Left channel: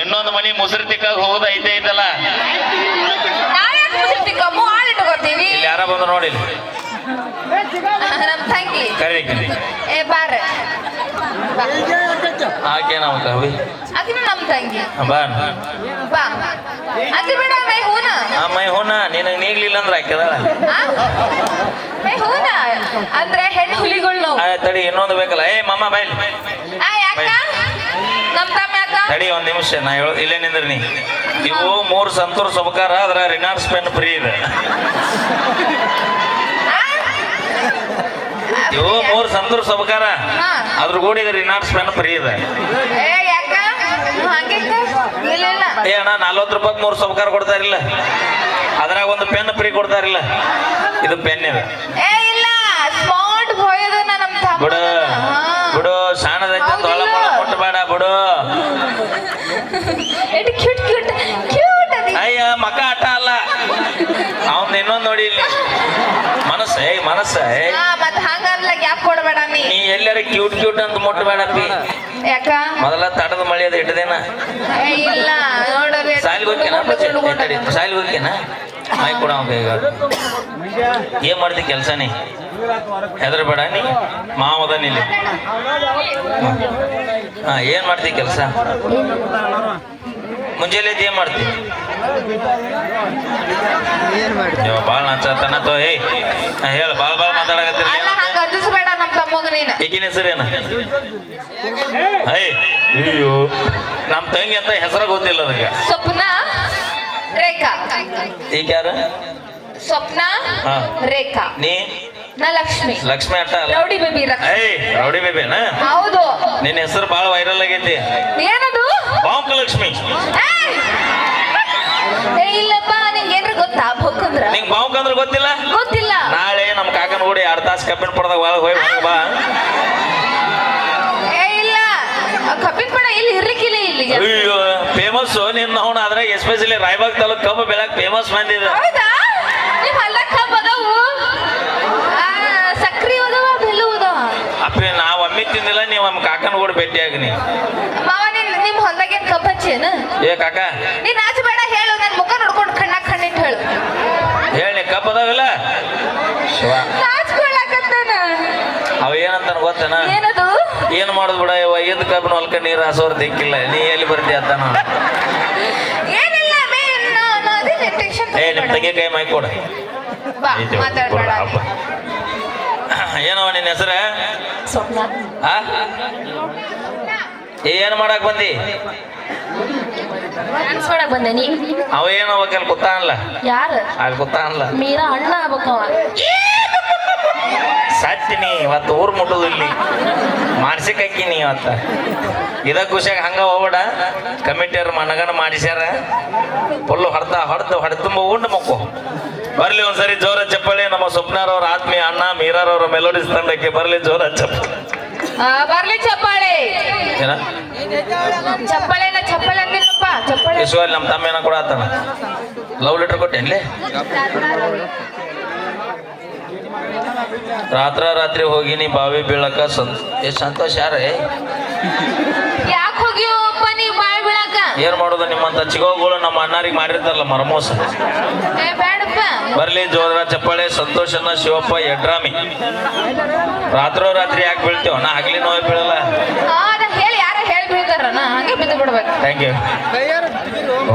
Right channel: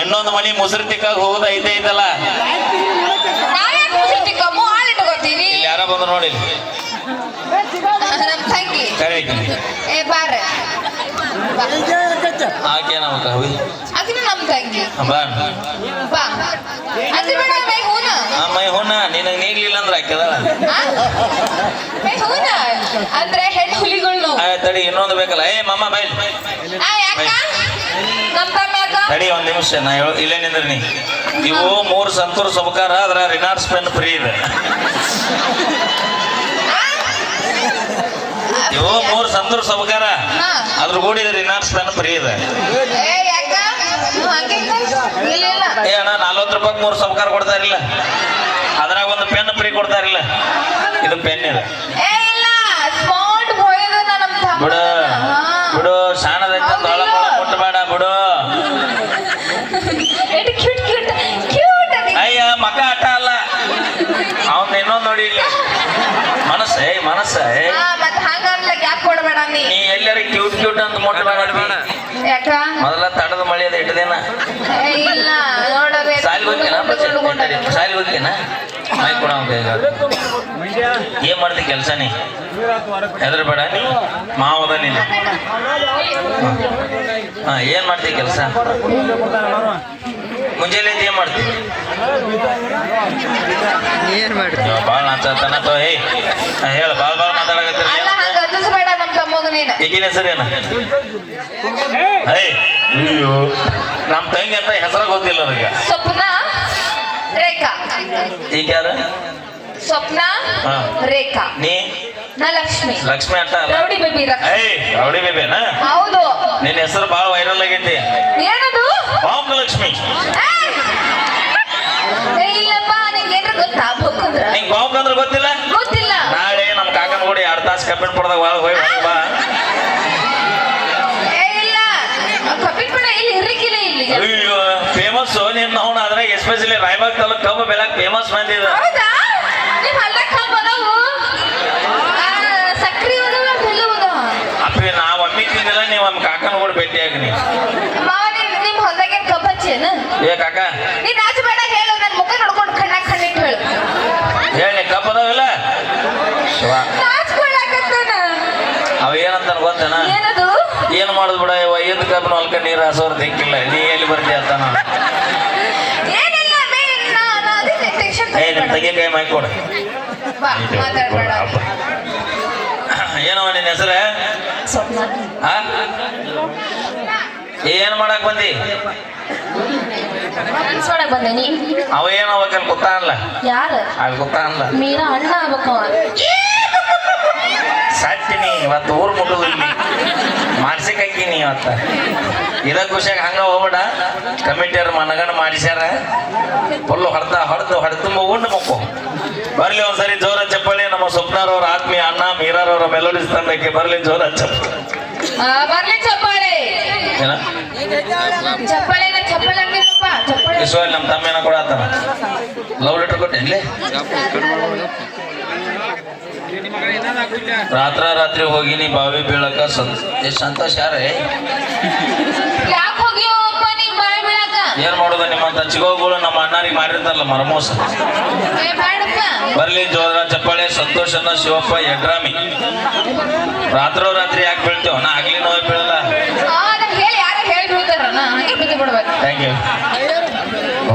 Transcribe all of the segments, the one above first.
ಇನ್ನೊಂದು ಮನಿ ಮುಸುರಿ ತಿಕ್ಕಾಗ ಹೋಗೋದು ಐತಲ್ಲ. ನಾವ್ಯಾಕೆ ಮುಸುರಿ ತಿಕ್ಕಮ್ಮು ಆಳಿಟ್ಕೋತೀವಿ. ಇಲ್ಲಿ ಯಾರ ಬಂದ್ರು ನೋಡಿ. ನಮ್ ತಂಗಿ ಕರೀತೀನಿ. ಏ ಬಾರ ಆಕೆ ನಾವು ಕವಿ ಅದಿನ ನಮ್ ತಂಗಿ ಬಾ ಬಾ ಅದಿ ಬೇಡ ಮೈ ಹೂನ ಮೈ ಹೋನ ನಿನಗೆ ನೀಗ್ಲಿಲ್ಲ ಅಂದ್ರೆ ಹಾಕಿದಾಳ. ಮೈ ಹೂನ ಅಂದ್ರೆ ಹೆಣ್ಣು ಹುಲಿಗಳು ನಾವು. ತಡಿ ಇನ್ನೊಂದು ಬೇಕಲ್ಲ. ಏ ಮಮ್ಮ ಬೈಲ್ ಯಾಕ ನಮ್ ತಮ್ಮ ಯಾಕ ತಡಿ ಒಂದ್ ನಿಮಿಷ ನಾ ಹೇಳೋದು ಇಲ್ಲೇ ನಿಂದ್ರಿ ನೀ. ಇವು 3 ಸಂತೂರ್ ಸಬಕಾರ ಅದ್ರ ರಿನಾರ್ಡ್ಸ್ ಪೆನ್ ಫ್ರೀ ಇದೆ. ಇವು 3 ಸಂತೂರ್ ಸಬಕಾರ ಅದ್ರ ಗೂಡಿ ರಿನಾರ್ಡ್ಸ್ ಪೆನ್ ಫ್ರೀ ಇದೆ. ಏ ಯಾಕ ಹಂಗಿಂದ ಇಲ್ಲ ಏ ಅಣ್ಣ 40 ರೂಪಾಯಿ 3 ಸಬಕಾರ ಕೊಡ್ತಾರಿಲ್ಲ, ಅದ್ರಾಗ ಒಂದು ಪೆನ್ ಫ್ರೀ ಕೊಡ್ತಾರಿಲ್ಲ. ಇದು ಪೆನ್ ಇದೆ. ಏ ಇಲ್ಲ ಸ್ಮಾರ್ಟ್ ಬಾಯ್ ಅದ ನಮ್ ತಮ್ಮ. ಬಿಡು ಬಿಡು ಶಾಣದೈತೆ ತೊಳ ಮುಟ್ಟಬೇಡ ಬಿಡು. ಎಡಿ ಕ್ಯೂಟ್ ಕ್ಯೂಟ್ ಕ್ಯೂಟ್ ಅದಿ. ಅಯ್ಯ ಮಕ ಆಟ ಅಲ್ಲ ಅವ್ನ ಇನ್ನೊಂದು ನೋಡಿ ಇಲ್ಲಿ ಮನಸ್ಸೇ ಮನಸ್ಸೇ. ಮತ್ತೆ ಹಂಗಲ್ಲ ಗ್ಯಾಪ್ ಕೊಡಬೇಡ ನೀ ಎಲ್ಲಾರ ಕ್ಯೂಟ್ ಕ್ಯೂಟ್ ಅಂತ ಮುಟ್ಟಬೇಡ. ಯಾಕ ಮೊದಲ ತಡದ ಮಳಿ ಅದ ಇಟ್ಟದೇನ ಇಲ್ಲ ನೋಡೋರೆ ಸಾಲಿ ಹೋಗ್ಯೇನ ಸಾಲಿ ಹೋಗ್ಯೇನ ಮೈ ಕೊಡ ಏನ್ ಮಾಡ್ತಿ ಕೆಲ್ಸ ನೀ ಹೆದರ್ಬೇಡ ನೀ ಮಾವದ ನೀನು. ಹಾ ಏನ್ ಮಾಡ್ತಿ ಕೆಲ್ಸ ಮುಂಜಾನೆ ಏನ್ ಮಾಡ್ತಿ ನೀವು ಬಾಳ ನಾಚತನ ತೋ. ಹೇ ಹೇಳ ಬಾಳ್ ಮಾತಾಡಕತ್ತೀರಿ. ಅಲ್ಲ ಹಂಗ ಒದಿಸ್ಬೇಡ ನಮ್ ತಮ್ಮಗ ನೀನು. ಈಗಿನ ಹೆಸರೇನು? ಅಯ್ಯೋ ನಮ್ ತಂಗಿ ಅಂತ ಹೆಸರು ಗೊತ್ತಿಲ್ಲ ನನಗೆ. ಸ್ವಪ್ನ ರೇಖಾ. ಈಗ ಯಾರು? ಸ್ವಪ್ನ ರೇಖಾ. ನೀ? ನಾ ಲಕ್ಷ್ಮಿ. ಲಕ್ಷ್ಮಿ ಅಟ್ಟ ಅಲ್ಲ ರೌಡಿ ಬೇಬಿ. ರೌಡಿ ಬೇಬಿನ? ಹೌದು. ನಿನ್ನ ಹೆಸರು ಬಾಳ ವೈರಲ್ ಆಗೈತಿ. ಏನದು? ಬಾಂಕ ಲಕ್ಷ್ಮಿ. ಇಲ್ಲಪ್ಪ ನಿಂಗೆ ಏನ್ರ ಗೊತ್ತಾ ಬೊಕ್ಕಂದ್ರ? ನಿಂಗೆ ಬಾಂಕ ಅಂದ್ರೆ ಗೊತ್ತಿಲ್ಲ? ಗೊತ್ತಿಲ್ಲ. ನಾಳೆ ನಮ್ಮ ಕಾಕನ ಕೂಡ 2 ತಾಸು ಕಬ್ಬಿನ ಪಡೆದಾಗ ಹೋಗಿ ಬಾ. ಇಲ್ಲ ಕಬ್ಬಿನ ಇಲ್ಲಿ ಇರ್ಲಿಕ್ಕಿಲ್ಲ ಇಲ್ಲಿ. ಅಯ್ಯೋ ಫೇಮಸ್ ನಿನ್ನ ಅವನು ಅದ್ರಾಗ ಎಸ್ಪೆಷಲಿ ರಾಯಬಾಗ್ ತಾಲೂಕ್ ಕಬ್ಬು ಬೆಳಕ್ ಫೇಮಸ್ ಮಂದಿ ಇದೆ. ಹೌದಾ? ನೀವು ಅಲ್ಲ ಕಬ್ಬು ಅದಾವು ಸಕ್ರಿ ಅದಾವ ಬೆಲ್ಲ ಅದಾವ. ಅಪ್ಪಿ ನಾವು ಒಮ್ಮೆ ತಿಂದಿಲ್ಲ, ನೀವು ನಮ್ಮ ಕಾಕನ ಕೂಡ ಭೇಟಿಯಾಗಿ ನೀ ಮಾವ ನಿಮ್ಮ ಹೊಲದಾಗೇನು ಕಬ್ಬು ಹಚ್ಚೇನ? ಏ ಕಾಕ ನೀನ್ ಆಚೆ ಬೇಡ ಹೇಳು, ನನ್ನ ಮುಖ ನೋಡ್ಕೊಂಡು ಕಣ್ಣಾಗ ಕಣ್ಣಿಟ್ಟು ಹೇಳು. ಹೇಳಿ ಕಬ್ಬು ಅದಾವಿಲ್ಲ ಅವ ಏನಂತ ಗೊತ್ತೇನ? ಏನದು? ಏನ್ ಮಾಡುದು ಬಿಡ ಇದ್ ಕಬ್ಬನ ಹೊಲ್ಕ ನೀರು ಹಾಸೋರ್ ದಿಕ್ಕಿಲ್ಲ, ನೀ ಎಲ್ಲಿ ಬರ್ತೀಯ ಅಂತಾನ. ಏ ನಿಮ್ ತಂಗಿ ಕೈ ಮೈ ಕೊಡ. ಏನವ ನಿನ್ನ ಹೆಸರ? ಏನ್ ಮಾಡಕ್ ಬಂದಿ? ಬಂದೇನಿ. ಅವ ಏನ್ ಅವಾಗ ಅಲ್ಲಿ ಗೊತ್ತಾ ಅನ್ಲ? ಯಾರು? ಅಲ್ಲಿ ಗೊತ್ತಾ ಅನ್ಲ? ಮೀರಾ ಅಣ್ಣ ಆಗ್ಬೇಕವ. ಸಾಕ್ತೀನಿ ಇವತ್ತು ಊರ್ ಮುಟ್ಟುದು ಇಲ್ಲಿ ಮಾಡ್ಸಿಕಂತೀನಿ ಇವತ್ತ. ಇದ ಖುಷಿಯಾಗ ಹಂಗ ಹೋಗ್ಬೇಡ. ಕಮಿಟಿಯವ್ರು ಮನಗಣ ಮಾಡಿಸ್ಯಾರ ಫುಲ್ಲು ಹೊಡೆದು ಉಂಡು ಮಕ್ಕೋ. ಬರ್ಲಿ ಒಂದ್ಸರಿ ಜೋರ ಚಪ್ಪಳಿ. ನಮ್ಮ ಸ್ವಪ್ನಾರವ್ರ ಆತ್ಮೀಯ ಅಣ್ಣ ಮೀರಾರವ್ರ ಮೆಲೋಡಿಸ್ ತಂಡಕ್ಕೆ ಬರ್ಲಿ ಜೋರ ಚಪ್ಪಳಿ. ಬರ್ಲಿ ಚಪ್ಪಾಳೆ. ಏನ ಚಪ್ಪಾಳೆ ಚಪ್ಪಾಳೆ ಅಂದಿಲ್ಲಪ್ಪ ಚಪ್ಪಾಳೆ. ವಿಶ್ವಲ್ಲಿ ನಮ್ಮ ತಮ್ಮ ಏನ ಕೂಡ ಆತನ ಲವ್ ಲೆಟರ್ ಕೊಟ್ಟೇನ್ಲಿ. ರಾತ್ರಿ ಹೋಗಿನಿ ಬಾವಿ ಬೀಳಕ. ಸಂತೋಷ ಯಾರೇ? ಯಾಕೆ ಹೋಗಿವಪ್ಪ ನೀವು ಬಾವಿ ಬೀಳಕ? ಏನ್ ಮಾಡೋದು, ನಿಮ್ಮಂತ ಚಿಗೋಗಳು ನಮ್ಮ ಅಣ್ಣಾರಿಗೆ ಮಾಡಿರ್ತಾರಲ್ಲ ಮರಮೋಸ. ಬೇಡಪ್ಪ. ಬರ್ಲಿ ಜೋರ ಚಪ್ಪಾಳೆ. ಸಂತೋಷನ ಶಿವಪ್ಪ ಯಡ್ರಾಮಿ. ರಾತ್ರಿ ಯಾಕೆ ಬೀಳ್ತೇವ? ನಾ ಆಗ್ಲಿ ನೋವು ಬೀಳಲ್ಲ. ಹೇಳಿ ಯಾರ ಹೇಳಿ ಬೀಳ್ತಾರ ಹಂಗೆ ಬಿದ್ದು ಬಿಡ್ಬೇಕು. Thank you.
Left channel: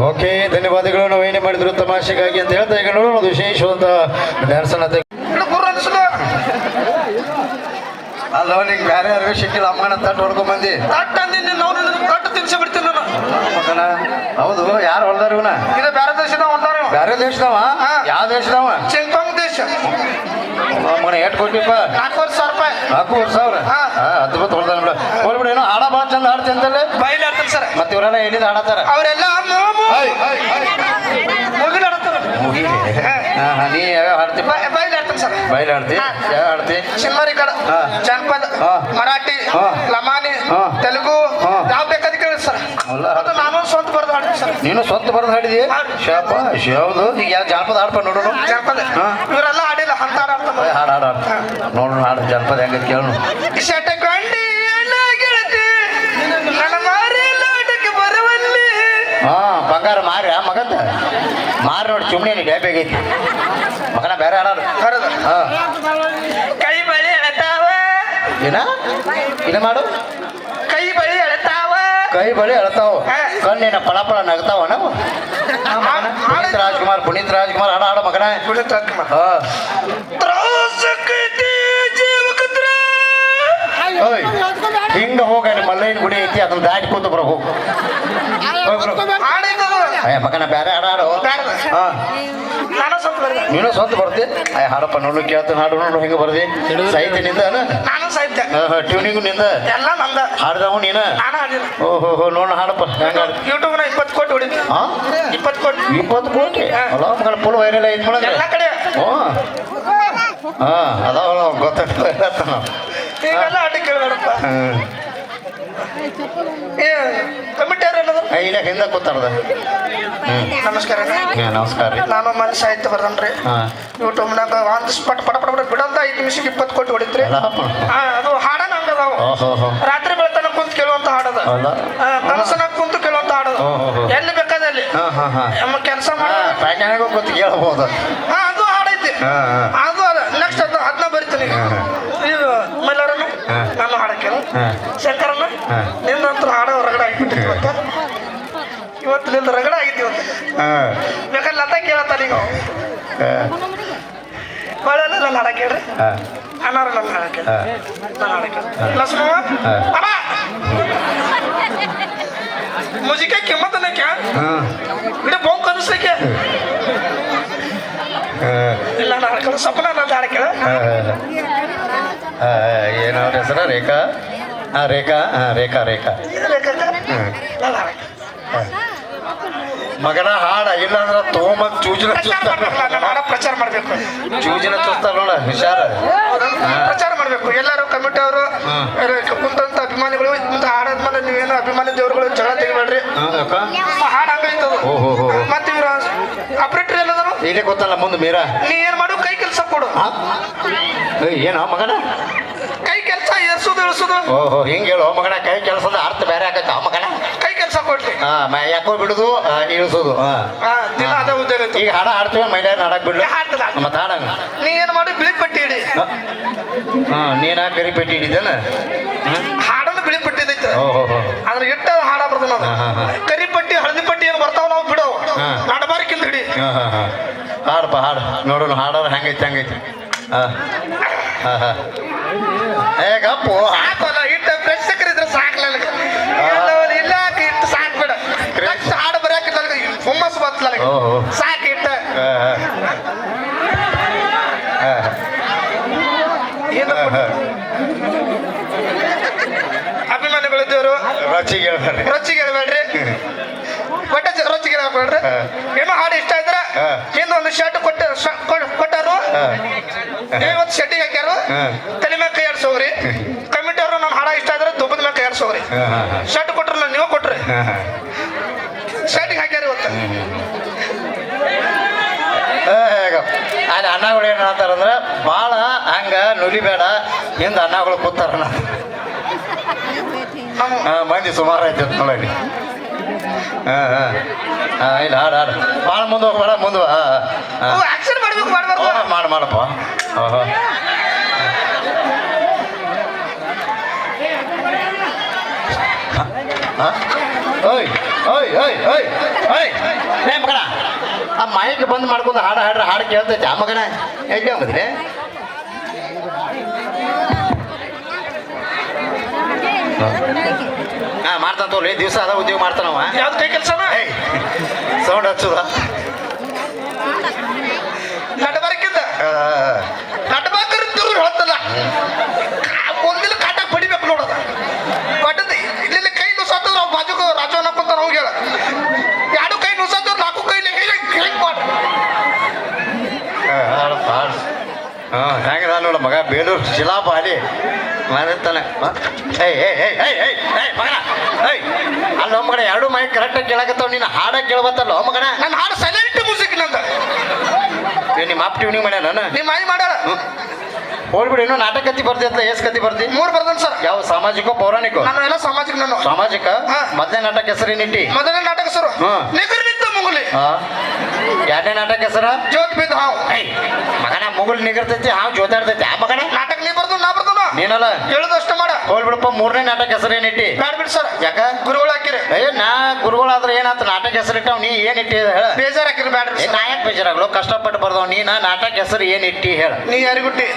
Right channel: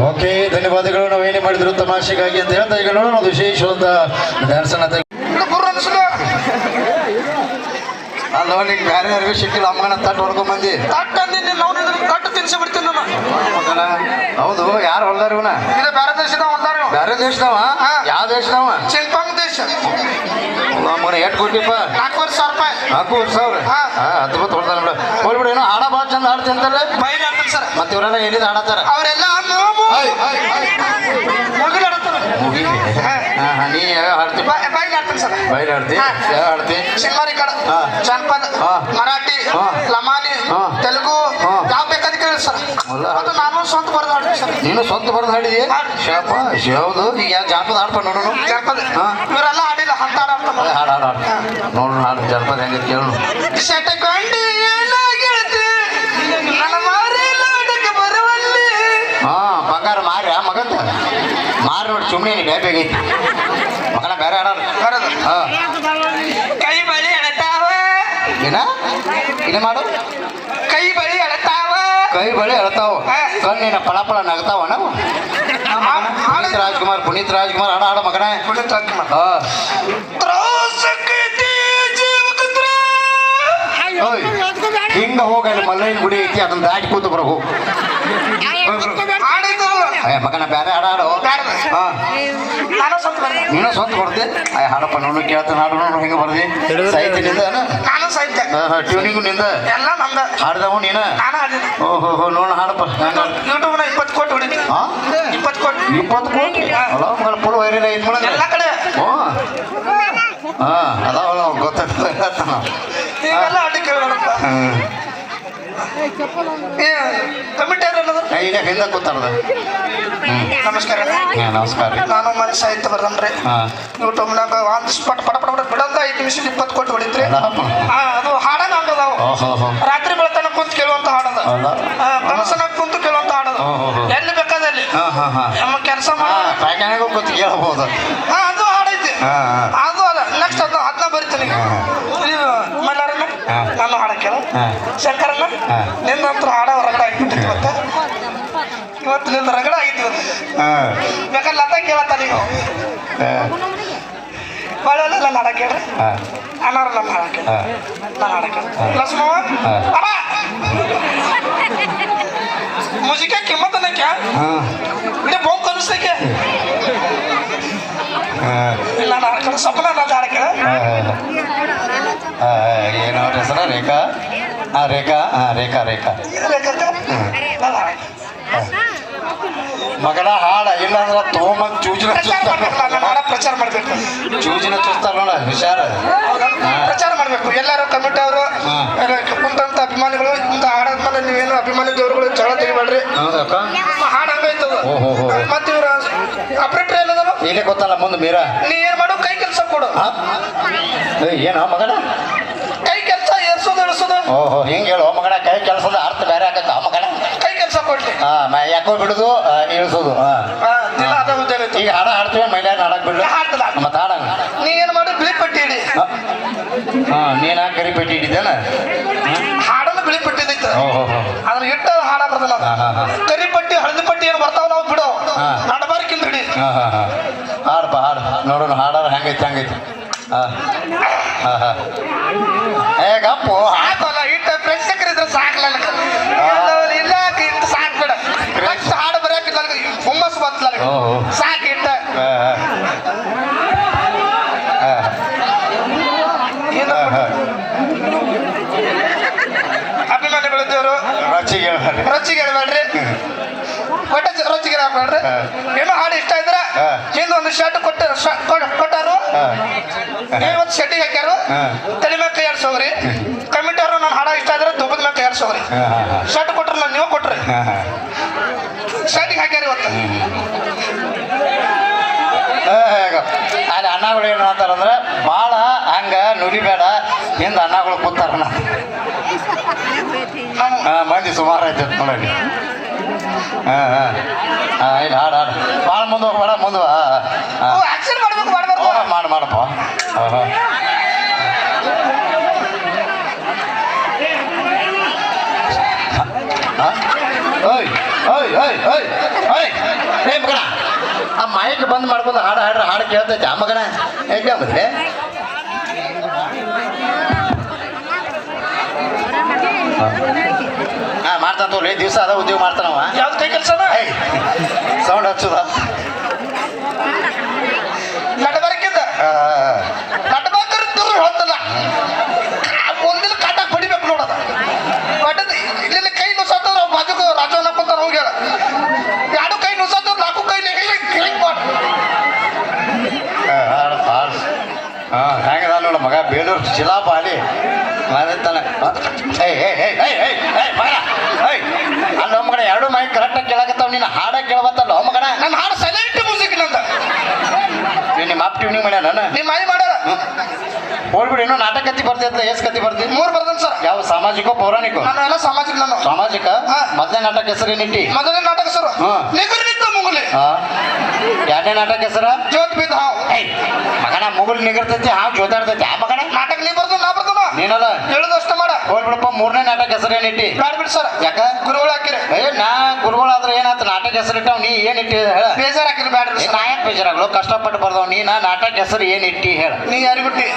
ಓಕೆ ಧನ್ಯವಾದಗಳು. ನಾವು ಏನೇ ಮಾಡಿದ್ರು ತಮಾಷೆಗಾಗಿ ಅಂತ ಹೇಳ್ತಾ ಈಗ ನೋಡೋಣ ಒಂದು ವಿಶೇಷವಾದ ಡ್ಯಾನ್ಸ್ ಅನ್ನ. ಅಲ್ಲ ನಿಮ್ ಯಾರ್ಯಾರು ಸಿಕ್ಕಿಲ್ಲ ಅಮ್ಮನ ತಟ್ಟು ಹೊಡ್ಕೊಂಡ್ ಬಂದಿ. ತಟ್ಟು ತಿನ್ಸಿ ಬಿಡ್ತೀನಿ ಮಗನ. ಹೌದು ಯಾರು ಹೊಲ್ದಾರ ಇವನ? ಬೇರೆ ದೇಶದವ ಹೊಲ್ದಾರ. ಬೇರೆ ದೇಶದವ? ಯಾವ ದೇಶದವ? ಚಿಲ್ಪಾಂಗ್ ದೇಶ. ಮಗನ ಎಷ್ಟು ಕೊಟ್ಟಿಪ್ಪ? 4,000 ರೂಪಾಯಿ. 4,000? ಅದ್ಭುತ ಹೊಡ್ದಾರ ಬಿಡ. ಹೋಗ್ಬಿಡ. ಏನೋ ಹಾಡ ಭಾಳ ಚಂದ ಹಾಡ್ತಿಂತಲ್ಲ. ಬೈಲ್ ಆಡ್ತಾರೆ ಸರ್. ಮತ್ತೆ ಇವರೆಲ್ಲ ಎಲ್ಲಿಂದ ಹಾಡತ್ತಾರ? ಅವರೆಲ್ಲ ಮುಗಿಲ್ ಆಡ್ತಾರ. ನೀ ಯಾವ ಹಾಡ್ತಿ? ಬೈಲ್ ಆಡ್ತಾರೆ ಸರ್. ಬೈಲ್ ಆಡ್ತಿ? ಯಾವ ಹಾಡ್ತಿ? ಸಿಂಹರಿ ಕಡ, ಜನಪದ, ಮರಾಠಿ, ಲಮಾನಿ, ತೆಲುಗು ಯಾವ ಬೇಕಾದ ಕೇಳಿ ಸರ್. ಅದು ನಾನು ಸ್ವಂತ ಬರೆದು ಹಾಡ್ತೀನಿ ಸರ್. ನೀನು ಸ್ವಂತ ಬರೆದು ಹಾಡಿದಿ? ಶಾಪ ಯಾವುದು? ಈಗ ಯಾವ ಜಾನಪದ ಹಾಡ್ಪ ನೋಡೋಣ. ಜನಪದ ಇವರೆಲ್ಲ ಹಾಡಿಲ್ಲ ಅಂತ ಹಾಡ್ತಾರೆ. ಹಾಡು ನೋಡೋಣ. ಹಾಡು ಜಾನಪದ ಹೆಂಗ ಕೇಳೋಣ. ಶಟಕೊಂಡಿ ಗೆಳತಿ ನನ್ನ ಮಾರಿ ನಾಟಕ ಬರುವಲ್ಲಿ ಹಾ ಬಂಗಾರ ಮಾರಿ ಮಗಂದ ಮಾರಿ ನೋಡಿ ಸುಮ್ಮನೆ ಡೇಬೇಗೈತಿ ಮಗನ ಬೇರೆ ಹಾಡೋದು ಹಾ ಕೈ ಬಳಿ ಎಳತಾವ ಏನ ಇನ್ನ ಮಾಡು ಕೈ ಬಳಿ ಎಳತಾವ ಕೈ ಬಳಿ ಹೇಳ್ತಾವ ಕಣ್ಣಿನ ಫಳ ಫಳ ನಗ್ತಾವ ನಾವು ಪುನೀತ್ ರಾಜ್ಕುಮಾರ್ ಹಾಡ ಹಾಡ ಮಗನ ಪುನೀತ್ ರಾಜ್ಕುಮಾರ್ ಹಾ ತ್ರಾಸಕತೆ ಜೀವಕತ್ರ ಓಯ್ ಹಿಂಗ ಹೋಗ ಅಲ್ಲಿ ಮಲ್ಲಯ್ಯನ ಗುಡಿ ಐತಿ ಅದನ್ನ ದಾಟಿ ಕೂತು ಬರ ಹೋಗು ಹಾಡಿದ್ದು ಮಗನ ಬೇರೆ ಹಾಡ ಹಾಡು ಹಾ ನಾನು ಸ್ವಂತ ಬರ್ದೆ ನೀನು ಸ್ವಂತ ಬರ್ತಿ ಹಾಡಪ್ಪ ನೋಡು ಕೇಳ್ತಾನೆ ಹಾಡು ನೋಡು ಹಿಂಗೆ ಬರ್ದಿ ಸಾಹಿತ್ಯ ನಿಂದ ನಾನು ಸಾಹಿತ್ಯ ಟ್ಯೂನಿಂಗು ನಿಂದ ಎಲ್ಲ ನಂದ ಹಾಡ್ದವ ನೀನು ನಾನು ಹಾಡಿದೆ ಓಹೋ ನೋಡು ಹಾಡಪ್ಪ ಹೆಂಗ ಯೂಟ್ಯೂಬ್ನ 20 ಕೋಟಿ ಹೊಡಿತೀನಿ ಹಾ 20 ಕೋಟಿ 20 ಕೋಟಿ ಅಲ್ಲ ಮಗಳ ಫುಲ್ ವೈರಲ್ ಐತ್ ಮೊಳಗೆ ಎಲ್ಲ ಕಡೆ ಹ್ಞೂ ಹಾ ಅದಾವಲ್ಲ ಗೊತ್ತಾಗ್ತದೆ ನೀವೆಲ್ಲ ಹಾಡಿ ಕೇಳಬೇಡಪ್ಪ ಏ ಕಮಿಟಿ ಯಾರಲ್ಲದ ಇಲ್ಲ ಹಿಂದೆ ಕೂತಾರದ ನಮಸ್ಕಾರ ನಮಸ್ಕಾರ ನಾನು ಮನೆ ಸಾಹಿತ್ಯ ಬರ್ದನ್ರಿ ಹಾಂ ಯೂಟ್ಯೂಬ್ನಾಗ ಒಂದು ಸ್ಪಟ್ ಪಟ ಪಟ ಬಿಡಂದ 5 ನಿಮಿಷಕ್ಕೆ 20 ಕೋಟಿ ಹೊಡಿತ್ರಿ ಅದು ಹಾಡನ ಹಂಗದಾವ ಓಹೋ ರಾತ್ರಿ ಬೆಳತನ ಕುಂತ ಕೇಳುವಂತ ಹಾಡದ ಹೌದಾ ಕನಸನಾಗ ಕುಂತು ಕೇಳುವಂತ ಹಾಡದ ಎಲ್ಲಿ ಬೇಕಾದಲ್ಲಿ ಹಾಂ ಹಾಂ ಹಾಂ ನಮ್ಮ ಕೆಲಸ ಮಾಡ ಪ್ಯಾಟ್ಯಾನಾಗ ಕೂತು ಕೇಳ್ಬೋದು ಅದು ಹಾಡೈತಿ ಅದು ಅದ ನೆಕ್ಸ್ಟ್ ಅದನ್ನ ಬರಿತೀನಿ ಇದು ಮೈಲಾರನ ನಾನು ಹಾಡಕ್ಕೆ ಶಂಕರನ್ನ ನಿನ್ನಂತರ ಹಾಡ ರಗಡ ಆಗಿಬಿಟ್ಟಿತ್ತು ಇವತ್ತು ನಿಂದ ರಗಡ ಆಗಿತ್ತು ಇವತ್ತು ಬೇಕಾದ್ರೆ ಲತ ಕೇಳತ್ತ ನೀವು ಬಾಳೆಲ್ಲ ನನ್ನ ಹಾಡಕ್ಕೆ ಹೇಳ್ರಿ ಅನ್ನಾರ ನನ್ನ ಹಾಡಕ್ಕೆ ನಾನು ಹಾಡಕ್ಕೆ ಲಕ್ಷ್ಮವ ಅಣ್ಣ ಮುಜಿಕೆ ಕಿಮ್ಮತ್ತನಕ್ಕೆ ಇಡೀ ಬೋಂಕ್ ಕನಿಸ್ತಕ್ಕೆ ಇಲ್ಲ ನಾನು ಹಾಡ್ಕೊಂಡು ಸಪನ ನನ್ನ ಹಾಡಕ್ಕೆ ಏನವ್ರ ಹೆಸರ ರೇಖಾ ಹಾಂ ರೇಖಾ ಹಾಂ ರೇಖಾ ರೇಖಾ ಮಗನ ಹಾಡ ಇಲ್ಲ ಅಂದ್ರೆ ತೊಗೊಂಬಂದು ಚೂಜಿನ ಪ್ರಚಾರ ಮಾಡ್ಬೇಕು ಚೂಜಿನ ಚುಸ್ತಾರ ನೋಡ ಹುಷಾರ ಪ್ರಚಾರ ಮಾಡ್ಬೇಕು ಎಲ್ಲರೂ ಕಮಿಟಿ ಅವರು ಕುಂತಂತ ಅಭಿಮಾನಿಗಳು ಇಂತ ಹಾಡಾದ್ಮೇಲೆ ನೀವೇನು ಅಭಿಮಾನಿ ದೇವರುಗಳು ಜಗಳ ತೆಗಿಬೇಡ್ರಿ ಹಾಡು ಹಂಗೈತದು ಮತ್ತೆ ಇವ್ರ ಆಪರೇಟರ್ ಎಲ್ಲದಾರು ಇಲ್ಲೇ ಗೊತ್ತಲ್ಲ ಮುಂದೆ ಮೀರಾ ನೀ ಏನ್ ಮಾಡು ಕೈ ಕೆಲಸ ಕೊಡು ಏನೋ ಮಗನ ಕೈ ಕೆಲಸ ಏರ್ಸೋದು ಇಳಿಸೋದು ಓಹೋ ಹಿಂಗೆ ಹೇಳು ಮಗನ ಕೈ ಕೆಲಸದ ಅರ್ಥ ಬೇರೆ ಆಗತ್ತೆ ಆ ಮಗನ ಕೈ ಕೆಲಸ ಕೊಡ್ಲಿ ಯಾಕೋ ಬಿಡುದು ಇಳಿಸೋದು ದಿನ ಅದ ಉದ್ದಾರ ಈಗ ಹಾಡ ಹಾಡ್ತೀವಿ ಮೈಲಾರ ಹಾಡಕ್ ಬಿಡ್ಲಿ ಹಾಡ್ತದ ಮತ್ತೆ ಹಾಡಂಗ ನೀ ಏನ್ ಮಾಡು ಬಿಳಿ ಪಟ್ಟಿ ಇಡಿ ನೀನ ಕರಿ ಪೆಟ್ಟಿ ಹಿಡಿದೇನ ಹಾಡನ್ನು ಬಿಳಿ ಪಟ್ಟಿ ಇದೈತೆ ಓಹೋ ಅದ್ರ ಇಟ್ಟ ಹಾಡ ಬರ್ತದ ಕರಿ ಪಟ್ಟಿ ಹಳದಿ ಪಟ್ಟಿ ಏನು ಬರ್ತಾವ ನಾವು ಬಿಡು ನಡಬಾರ್ಕಿಂದ ಹಿಡಿ ಹಾಡಪ್ಪ ಹಾಡು ನೋಡೋಣ ಹಾಡೋರು ಹೆಂಗೈತಿ ಹೆಂಗೈತಿ ಏ ಗಪ್ಪು ಆತಲ್ಲ ಇಟ್ಟ ಪ್ರೇಕ್ಷಕರು ಇದ್ರೆ ಸಾಕಲ್ಲ ಇಲ್ಲ ಇಟ್ಟು ಸಾಕ್ಬೇಡ ಹಾಡು ಬರೆಯಕಿಲ್ಲ ಹುಮ್ಮಸ್ ಬರ್ತಲ್ಲ ಸಾಕು ಇಟ್ಟ ಏನು ಅಭಿಮಾನಿಗಳಿದ್ದವರು ರೊಚ್ಚಿಗೆ ಹೇಳ್ಬೇಡ್ರಿ ಒಟ್ಟ ರೊಚ್ಚಿಗೆ ಹಾಕ್ಬೇಡ್ರಿ ಏನೋ ಹಾಡು ಇಷ್ಟ ಇದ್ರ ಹಿಂದೊಂದು ಶರ್ಟ್ ಕೊಟ್ಟಾರು ಒಂದು ಶೆಟ್ಟಿಗೆ ಹಾಕ್ಯಾರು ತಲೆ ಮೇಲೆ ಕೈ ಆಡ್ಸೋಗ್ರಿ ಕಮಿಟಿ ಅವರು ನನ್ನ ಹಾಡ ಇಷ್ಟ ಇದ್ರೆ ದುಬ್ಬದ ಮೇಲೆ ಕೈ ಆಡ್ಸೋಗ್ರಿ ಶರ್ಟ್ ಕೊಟ್ರಲ್ಲ ನೀವು ಕೊಟ್ರಿ ಶರ್ಟಿಗೆ ಹಾಕ್ಯಾರ ಇವತ್ತು ಅಲ್ಲಿ ಅನ್ನಗಳು ಏನು ಅಂತಾರಂದ್ರೆ ಭಾಳ ಹಂಗ ನುಡಿಬೇಡ ಹಿಂದೆ ಅನ್ನಗಳು ಕೂತಾರ ಮಂದಿ ಸುಮಾರು ಆಯ್ತು ನೋಡಿ ಇಲ್ಲ ಹಾಡು ಹಾಡು ಭಾಳ ಮುಂದೆ ಹೋಗ್ಬೇಡ ಮುಂದೆ ಆಕ್ಷನ್ ಮಾಡ್ಬೇಕು ಮಾಡ್ಬಾರ್ದು ಮಾಡಪ್ಪ ಓಯ್ ಓಯ್ ಓಯ್ ಓಯ್ ಓಯ್ ರೇ ಮಗನ ಆ ಮೈಕ್ ಬಂದ್ ಮಾಡ್ಕೊಂಡು ಹಾಡು ಹಾಡ್ರೆ ಹಾಡು ಕೇಳ್ತೈತೆ ಆ ಮಗನ ಹೇಗೆ ಬಂದ್ರೆ ಹಾಂ ಮಾಡ್ತಾನ ತೋಲಿ ದಿವಸ ಅದ ಉದ್ಯೋಗ ಮಾಡ್ತಾನವ ಯಾವ್ದು ಕೈ ಕೆಲಸನ ಸೌಂಡ್ ಹಚ್ಚುದ ನಡಬಾರಕ್ಕಿಂದ ನಡಬಾರ್ಕರ್ ಹೇಳ್ತಲ್ಲ ಒಂದಿನ ಕಾಟಾಕ್ ಬಡಿಬೇಕು ನೋಡದ ಬಡದ ಇಲ್ಲಿ ಕೈ ನುಸಾತ ನಾವು ಬಾಜುಕ ರಾಜವನ್ನ ಕುಂತ ನಾವು ಹೇಳ ಎರಡು ಕೈ ನುಸಾತ ನಾಲ್ಕು ಕೈ ಹಿಂಗ್ ಮಾಡ ಹೆಂಗದ ನೋಡ ಮಗ ಬೇಲೂರು ಶಿಲಾಪ ಅಲ್ಲಿ ಮಾಡಿರ್ತಾನೆ ಮಗನ ಅಲ್ಲ ಮಗನ ಎರಡು ಮೈ ಕರೆಕ್ಟಾಗಿ ಕೇಳಕತ್ತಾವ ನೀನು ಹಾಡ ಕೇಳಬತ್ತಲ್ಲ ಮಗನ ನನ್ನ ಹಾಡು ಸೈಲೆಂಟ್ ಮ್ಯೂಸಿಕ್ ನಂದ ನಿಮ್ಮ ಅಪ್ ಟ್ಯೂನಿಂಗ್ ಮಾಡ್ಯಾರ ನಿಮ್ಮ ಮೈ ಮಾಡ ಹೋಗ್ಬಿಡಿ ಇನ್ನೂ ನಾಟಕ ಕತ್ತಿ ಬರ್ತಿದ್ಲ ಎಸ್ ಕತ್ತಿ ಬರ್ತಿ 3 ಬರ್ದನ್ ಸರ್. ಯಾವ ಸಾಮಾಜಿಕ ಪೌರಾಣಿಕ ನಾನು ಎಲ್ಲ ಸಾಮಾಜಿಕ ನಾನು. ಸಾಮಾಜಿಕ ಹಾ. ಮೊದಲನೇ ನಾಟಕ ಹೆಸರೇನಿಟ್ಟಿ ಮೊದಲನೇ ನಾಟಕ ಸರ್ ಹಾ. ನಿಗರ್ ನಿಂತ ಮುಗುಲಿ ಎರಡನೇ ನಾಟಕ ಹೆಸರ ಜೋತ್ ಬಿದ್ದ ಹಾವು. ಮಗನ ಮುಗುಲ್ ನಿಗರ್ತೈತಿ ಹಾವು ಜೋತಾಡ್ತೈತಿ ಆ ಮಗನ ನಾಟಕ ನೀ ಬರ್ದು ನಾ ಬರ್ದು ನೀನಲ್ಲ ಹೇಳುದಷ್ಟ ಮಾಡ. ಹೋಗ್ಬಿಡಪ್ಪ ಮೂರನೇ ನಾಟಕ ಹೆಸರೇನಿಟ್ಟಿ ಬ್ಯಾಡ ಬಿಡಿ ಸರ್. ಯಾಕ ಗುರುಗಳು ಹಾಕಿರಿ ನಾ ಗುರುಗಳಾದ್ರೆ ಏನಾಯ್ತು ನಾಟಕ ಹೆಸರಿಟ್ಟಾವ್ ನೀ ಏನ್ ಇಟ್ಟಿ ಹೇಳ ಬೇಜಾರ್ ಹಾಕಿರಿ ಬ್ಯಾಡ್ರಿ ನಾ ಯಾಕೆ ಬೇಜಾರಾಗ್ಲು ಕಷ್ಟಪಟ್ಟು ಬರ್ದವ್ ನೀನ ನಾಟಕ ಹೆಸರು ಏನ್ ಇಟ್ಟಿ ಹೇಳ ನೀ ಯಾರಿಗುಟ್ಟಿ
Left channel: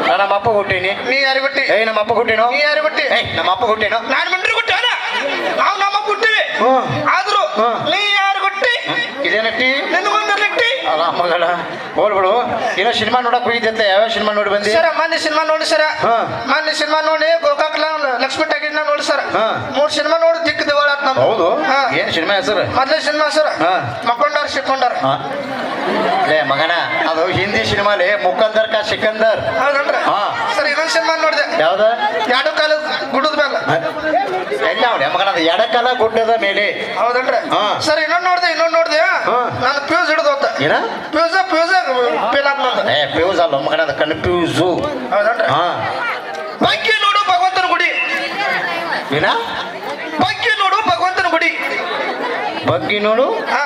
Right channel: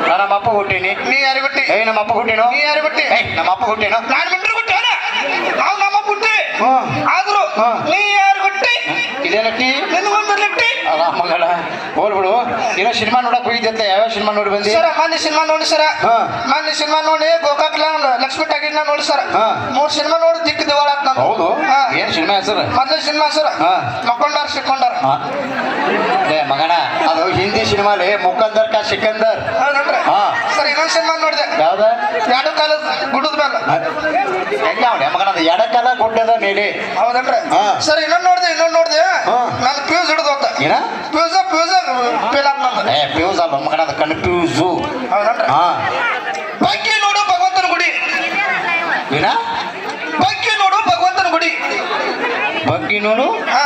ನಾ ನಮ್ಮ ಅಪ್ಪ ಹುಟ್ಟೀನಿ ನೀ ಯಾರಿಗುಟ್ಟಿ ನಮ್ಮ ಅಪ್ಪ ಹುಟ್ಟೇನು ನೀ ಯಾರಿಗುಟ್ಟಿ ನಮ್ಮ ಅಪ್ಪ ಹುಟ್ಟೇನು ನಾನು ಮಿಂಟ್ರಿ ಗುಟ್ಟಿ ಅಲ್ಲ ನಾವು ನಮ್ಮ ಗುಟ್ಟಿವಿ ಹ್ಮ್. ಆದ್ರೂ ಹ್ಮ್. ನೀ ಯಾರು ಗುಟ್ಟಿ ಇದೇನಟ್ಟಿ ನಿನಗೊಂದು ನೆಟ್ಟಿ ಅಲ್ಲ ಮಗಳ ಹೋಗ್ಬಿಡು ಏನೋ ಸಿನಿಮಾ ನೋಡಕ್ ಹೋಗಿದ್ದೆ ಯಾವ ಸಿನಿಮಾ ನೋಡಿ ಬಂದಿ ಸರ ಮೊನ್ನೆ ಸಿನಿಮಾ ನೋಡಿ ಸರ ಹಾ. ಮೊನ್ನೆ ಸಿನಿಮಾ ನೋಡಿ ಗೋಕಾಕ್ ಲಕ್ಷ್ಮಿ ಟಾಕೀಸ್ ನೋಡಿ ಸರ್ ಹಾ. 3 ಸಿನಿಮಾ ನೋಡಿ ದಿಕ್ಕ ದಿವಾಳಾತ್ ನಮ್ದು. ಹೌದು ಹಾ. ಏನ್ ಸಿನಿಮಾ ಹೆಸರು ಮೊದಲೇ ಸಿನಿಮಾ ಸರ್ ಹಾ. ಮಕ್ಕೊಂಡಾರ ಸಿಕ್ಕೊಂಡಾರ ಲೇ ಮಗನ ಅದು ಹಿಂದಿ ಸಿನಿಮಾಲಿ ಮುಕಂದರ್ ಕಾ ಸಿಕಂದರ್ ಹೌದನ್ರಿ ಹಾ. ಸರ್ ಇನ್ನೊಂದು ಸಿನಿಮಾ ನೋಡಿದೆ ಯಾವ್ದ ಎರಡು ಕಾಲ ಗುಡ್ಡದ ಮೇಲೆ ಎಲ್ಲ ಅವಳೆ ಮಗನ ಅದು ಎಡಕಾಲ ಗುಡ್ಡದ ಮೇಲೆ ಹೌದನ್ರಿ ಹಾ. ಸರ್ ಇನ್ನೊಂದು ನೋಡಿದೆ ಹಾ. ನಾನು ಫ್ಯೂಸ್ ಹಿಡಿದು ಹೋಗ್ತ ಏನ ಫ್ಯೂಸ್ ಫೇಲ್ ಆತ್ ನಂದು. ಫ್ಯೂಸ್ ಅಲ್ಲ ಮಗನ ಅದು ಕನ್ಫ್ಯೂಸು ಹೌದನ್ರಿ ಹಾ ಬಗ್ಗೆ ನೋಡು ಭಗವಂತನ ಗುಡಿ ಏನ ಬಗ್ಗೆ ನೋಡು ಭಗವಂತನ ಗುಡಿ ಬಗ್ಗೆ ನೋಡು ಹಾ